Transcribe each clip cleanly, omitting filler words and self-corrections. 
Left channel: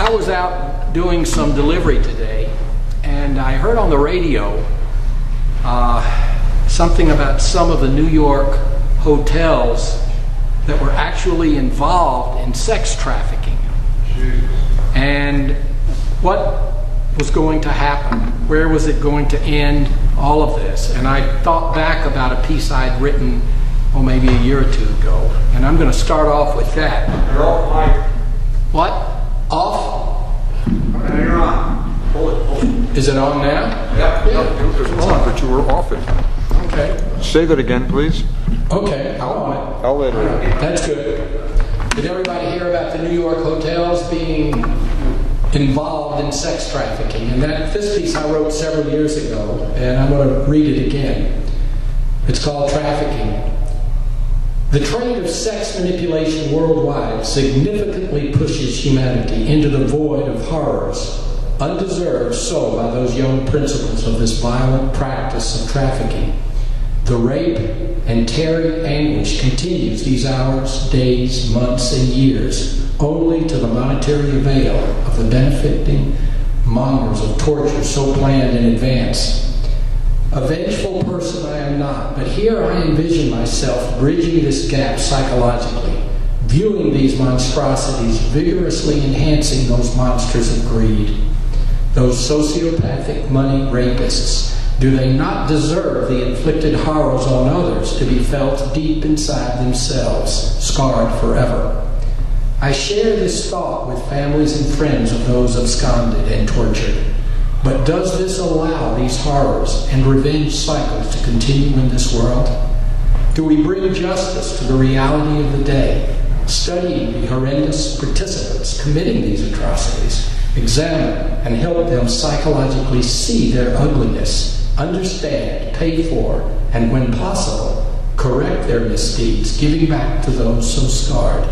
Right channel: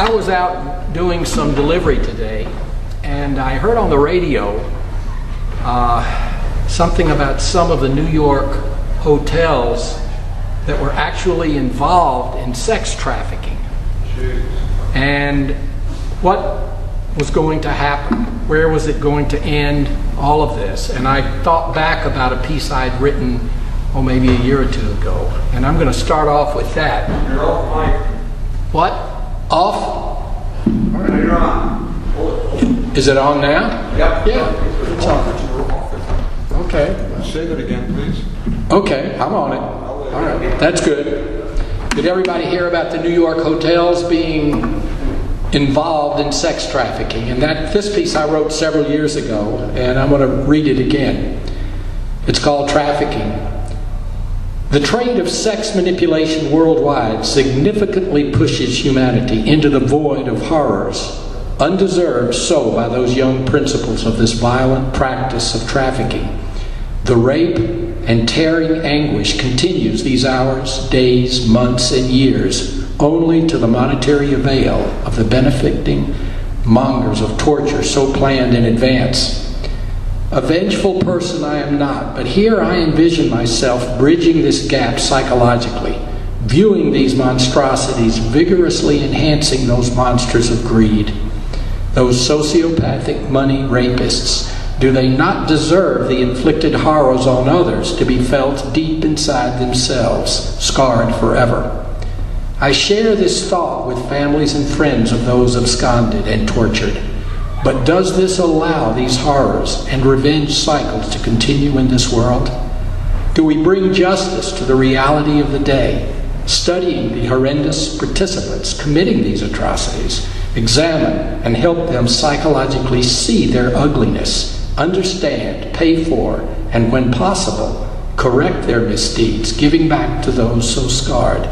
I was out doing some delivery today, and I heard on the radio something about some of the New York hotels that were actually involved in sex trafficking. Jeez. And what was going to happen? Where was it going to end? All of this. And I thought back about a piece I'd written, maybe a year or two ago. And I'm going to start off with that. You're off mic. What? Off? No, you're on. Hold it. Is it on now? Yep. Yeah. I thought you were off it. Okay. Say that again, please. Okay, I'm on it. I'll let All right. That's good. Did everybody hear about the New York hotels being involved in sex trafficking? And this piece I wrote several years ago, and I'm going to read it again. It's called Trafficking. The trade of sex manipulation worldwide significantly pushes humanity into the void of horrors, undeserved so by those young principles of this violent practice of trafficking. The rape and tearing anguish continues these hours, days, months, and years, only to the monetary avail of the benefiting mongers of torture so planned in advance. A vengeful person I am not, but here I envision myself bridging this gap psychologically, viewing these monstrosities, vigorously enhancing those monsters of greed. Those sociopathic money rapists, do they not deserve the inflicted horrors on others to be felt deep inside themselves, scarred forever? I share this thought with families and friends of those absconded and tortured. But does this allow these horrors and revenge cycles to continue in this world? Do we bring justice to the reality of the day, studying the horrendous participants committing these atrocities, examine and help them psychologically see their ugliness, understand, pay for, and when possible, correct their misdeeds, giving back to those so scarred?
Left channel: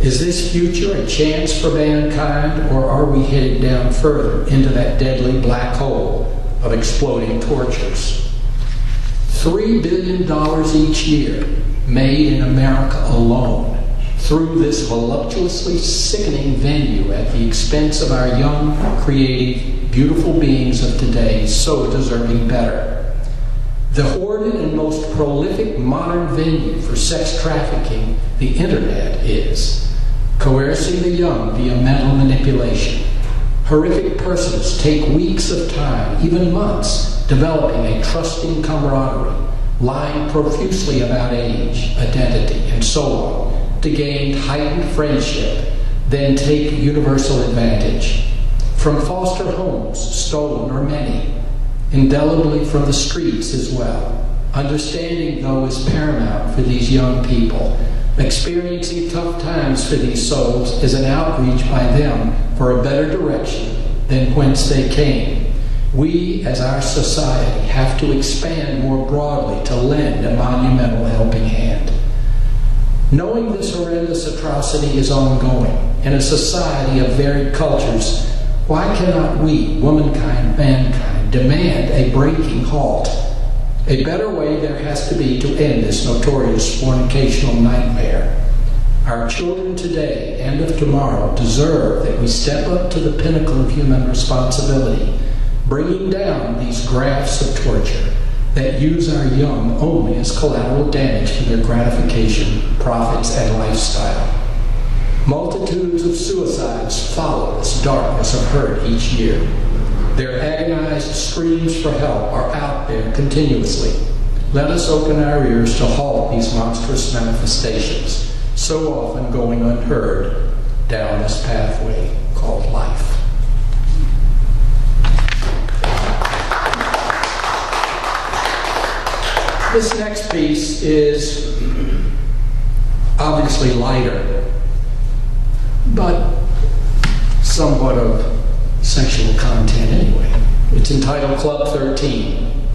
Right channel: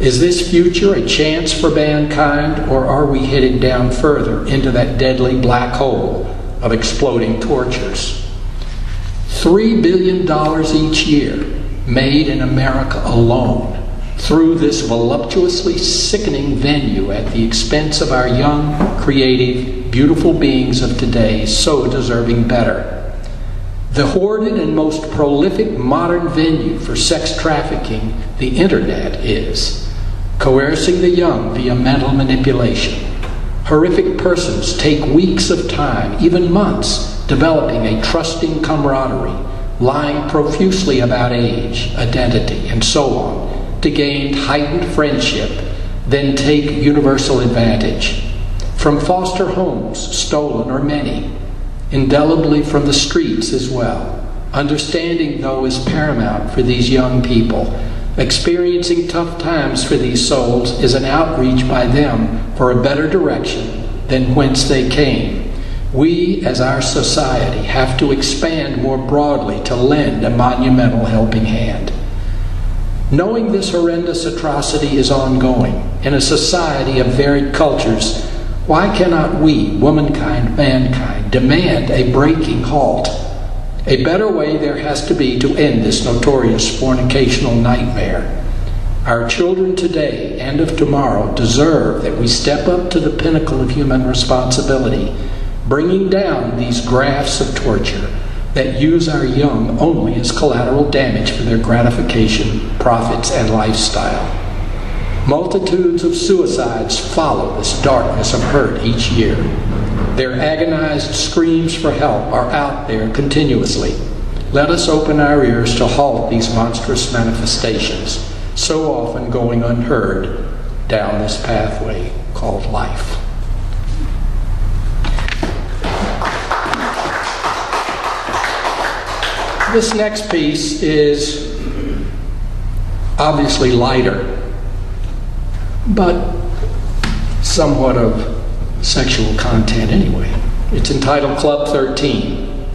Is this future a chance for mankind, or are we heading down further into that deadly black hole of exploding tortures? $3 billion each year made in America alone through this voluptuously sickening venue at the expense of our young, creative, beautiful beings of today, so deserving better. The hoarded and most prolific modern venue for sex trafficking, the internet, is coercing the young via mental manipulation. Horrific persons take weeks of time, even months, developing a trusting camaraderie, lying profusely about age, identity, and so on, to gain heightened friendship, then take universal advantage. From foster homes, stolen or many, indelibly from the streets as well. Understanding, though, is paramount for these young people. Experiencing tough times for these souls is an outreach by them for a better direction than whence they came. We, as our society, have to expand more broadly to lend a monumental helping hand. Knowing this horrendous atrocity is ongoing in a society of varied cultures, why cannot we, womankind, mankind, demand a breaking halt? A better way there has to be to end this notorious fornicational nightmare. Our children today and of tomorrow deserve that we step up to the pinnacle of human responsibility, bringing down these grafts of torture that use our young only as collateral damage for their gratification, profits, and lifestyle. Multitudes of suicides follow this darkness of hurt each year. Their agonized screams for help are out there continuously. Let us open our ears to halt these monstrous manifestations, so often going unheard down this pathway called life. This next piece is obviously lighter, but somewhat of sexual content anyway. It's entitled Club 13.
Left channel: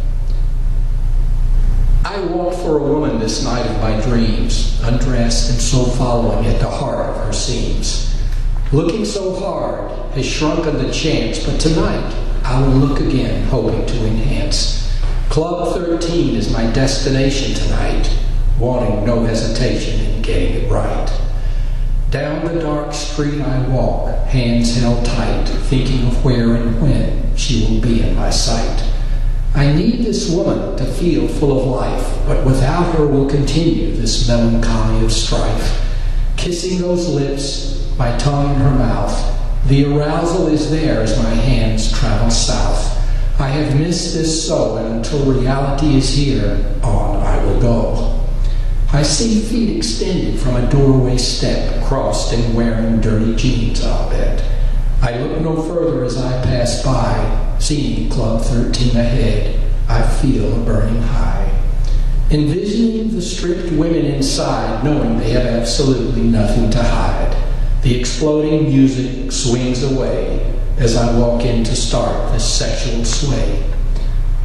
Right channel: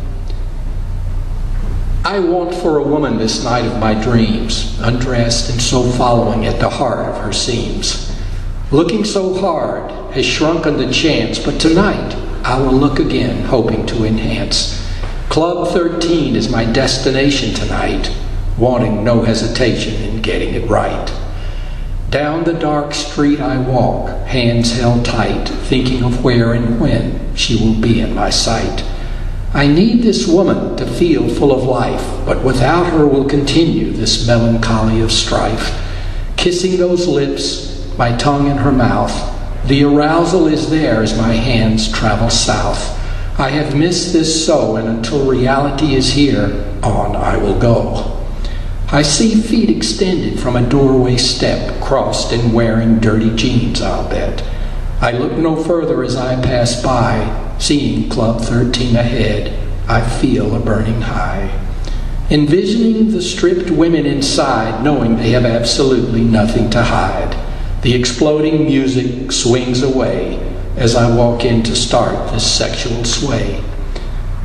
I want for a woman this night of my dreams, undressed and so following at the heart of her seams. Looking so hard has shrunken the chance, but tonight I will look again, hoping to enhance. Club 13 is my destination tonight, wanting no hesitation in getting it right. Down the dark street I walk, hands held tight, thinking of where and when she will be in my sight. I need this woman to feel full of life, but without her will continue this melancholy of strife. Kissing those lips, my tongue in her mouth, the arousal is there as my hands travel south. I have missed this so, and until reality is here, on I will go. I see feet extended from a doorway step, crossed and wearing dirty jeans, I'll bet. I look no further as I pass by, seeing Club 13 ahead, I feel a burning high. Envisioning the stripped women inside, knowing they have absolutely nothing to hide. The exploding music swings away as I walk in to start this sexual sway.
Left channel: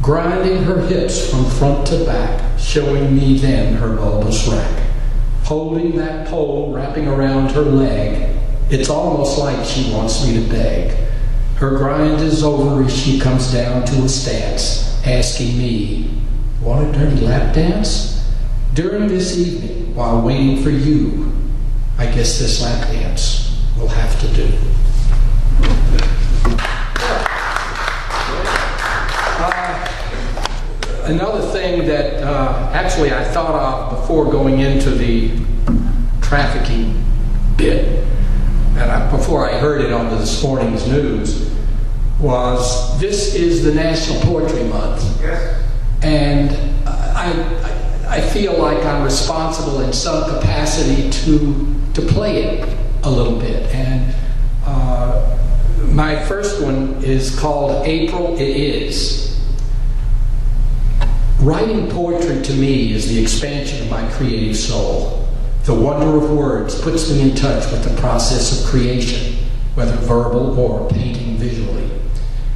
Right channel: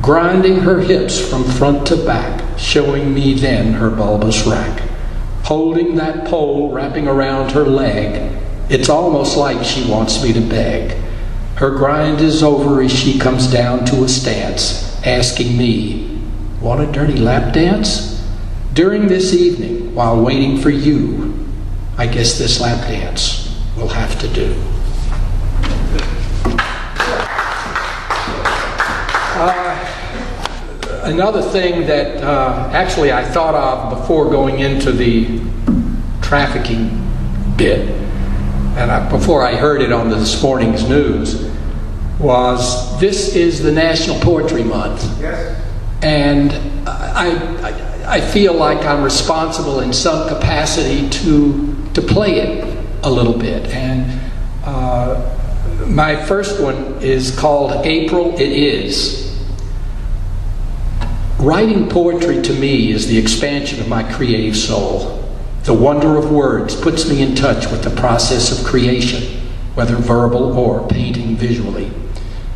Grinding her hips from front to back, showing me then her bulbous rack. Holding that pole wrapping around her leg, it's almost like she wants me to beg. Her grind is over as she comes down to a stance, asking me, "Want a dirty lap dance?" During this evening, while waiting for you, I guess this lap dance will have to do. Another thing that actually I thought of before going into the trafficking bit, and before I heard it on this morning's news, was this is the National Poetry Month. Yes. And I feel like I'm responsible in some capacity to play it a little bit. And my first one is called April It Is. Writing poetry to me is the expansion of my creative soul. The wonder of words puts me in touch with the process of creation, whether verbal or painting visually.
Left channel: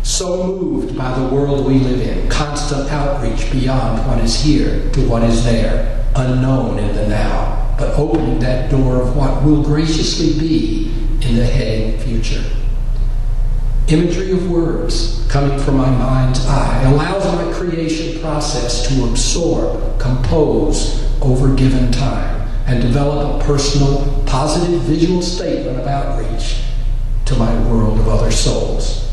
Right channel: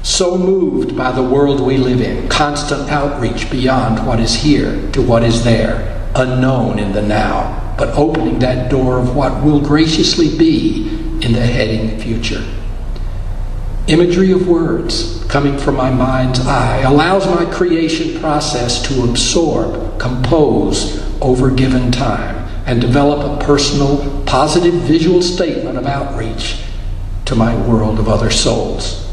So moved by the world we live in, constant outreach beyond what is here to what is there, unknown in the now, but opening that door of what will graciously be in the heading future. Imagery of words coming from my mind's eye allows my creation process to absorb, compose over given time, and develop a personal, positive visual statement of outreach to my world of other souls.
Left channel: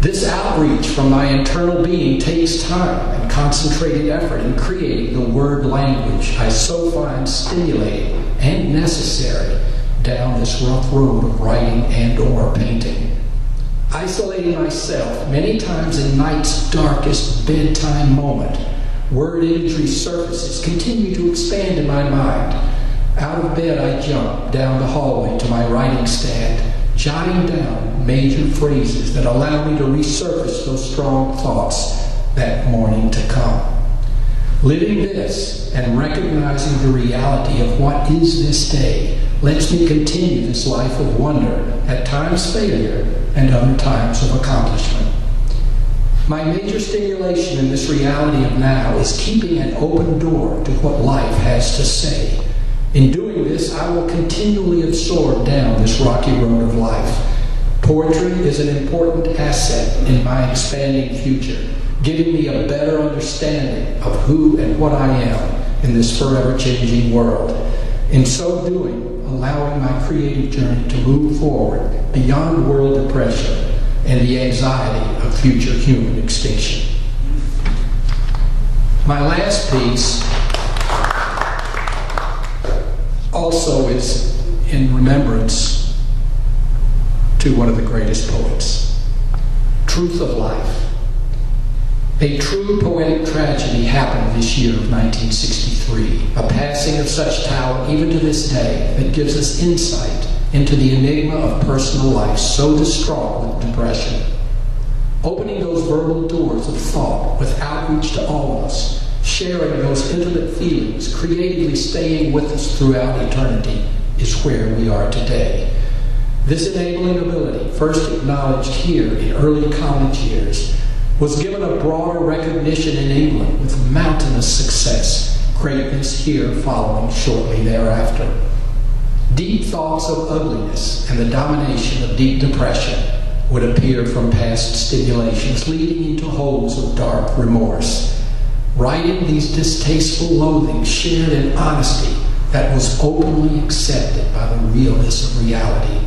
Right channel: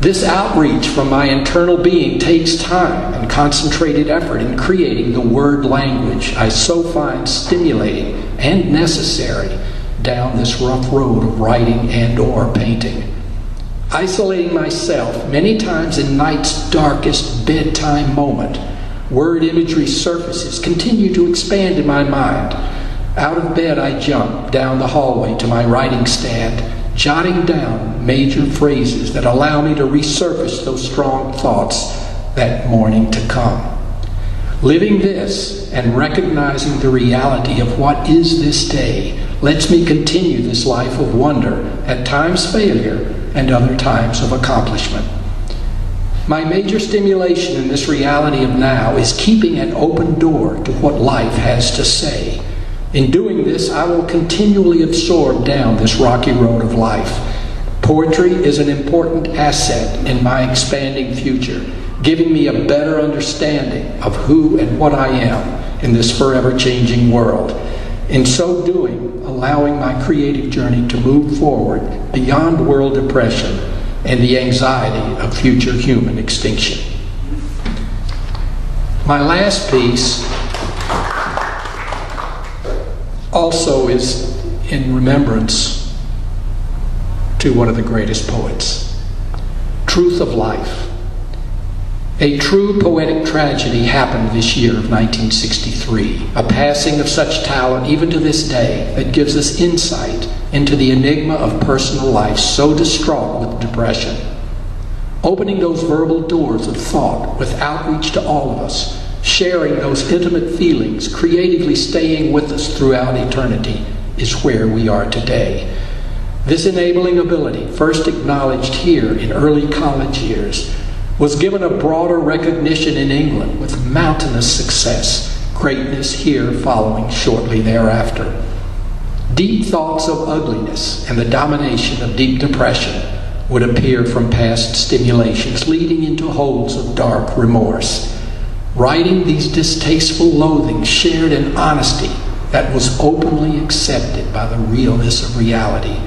This outreach from my internal being takes time and concentrated effort in creating the word language I so find stimulating and necessary down this rough road of writing and or painting. Isolating myself many times in night's darkest bedtime moment, word imagery surfaces continue to expand in my mind. Out of bed I jump down the hallway to my writing stand, jotting down major phrases that allow me to resurface those strong thoughts that morning to come. Living this and recognizing the reality of what is this day lets me continue this life of wonder, at times failure, and other times of accomplishment. My major stimulation in this reality of now is keeping an open door to what life has to say. In doing this, I will continually absorb down this rocky road of life. Poetry is an important asset in my expanding future, giving me a better understanding of who and what I am in this forever changing world. In so doing, allowing my creative journey to move forward beyond world depression and the anxiety of future human extinction. My last piece also is in remembrance to one of the greatest poets. Truth of life. A true poetic tragedy happened this year of 1963, a passing of such talent even to this day that gives us insight into the enigma of personal life so distraught with depression. Opening those verbal doors of thought with outreach to all of us, sharing those intimate feelings, creatively staying with us throughout eternity is where we are today. This enabling ability, first acknowledged here in early college years, was given a broader recognition in England with mountainous success, greatness here following shortly thereafter. Deep thoughts of ugliness and the domination of deep depression would appear from past stimulations, leading into holes of dark remorse. Writing these distasteful loathings shared in honesty that was openly accepted by the realness of reality.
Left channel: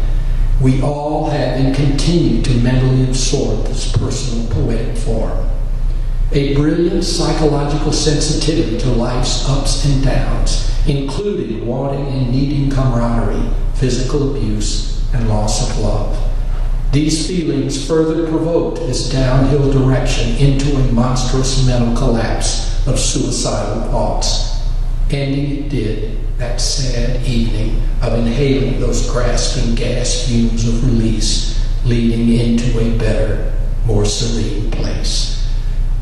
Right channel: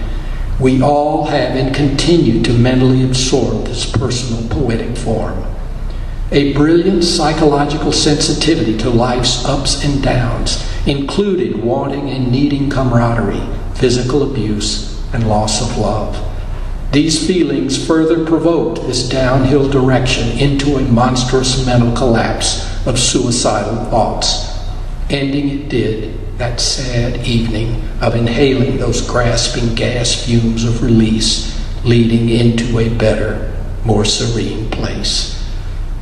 We all have and continue to mentally absorb this personal poetic form. A brilliant psychological sensitivity to life's ups and downs, including wanting and needing camaraderie, physical abuse, and loss of love. These feelings further provoked this downhill direction into a monstrous mental collapse of suicidal thoughts. Ending it did that sad evening of inhaling those grasping gas fumes of release, leading into a better, more serene place.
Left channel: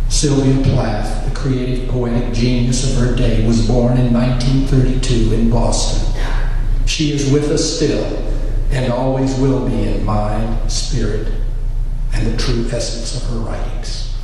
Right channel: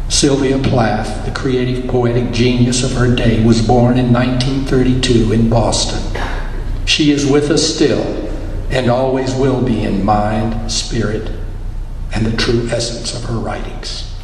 Sylvia Plath, the creative poetic genius of her day, was born in 1932 in Boston. She is with us still, and always will be in mind, spirit, and the true essence of her writings.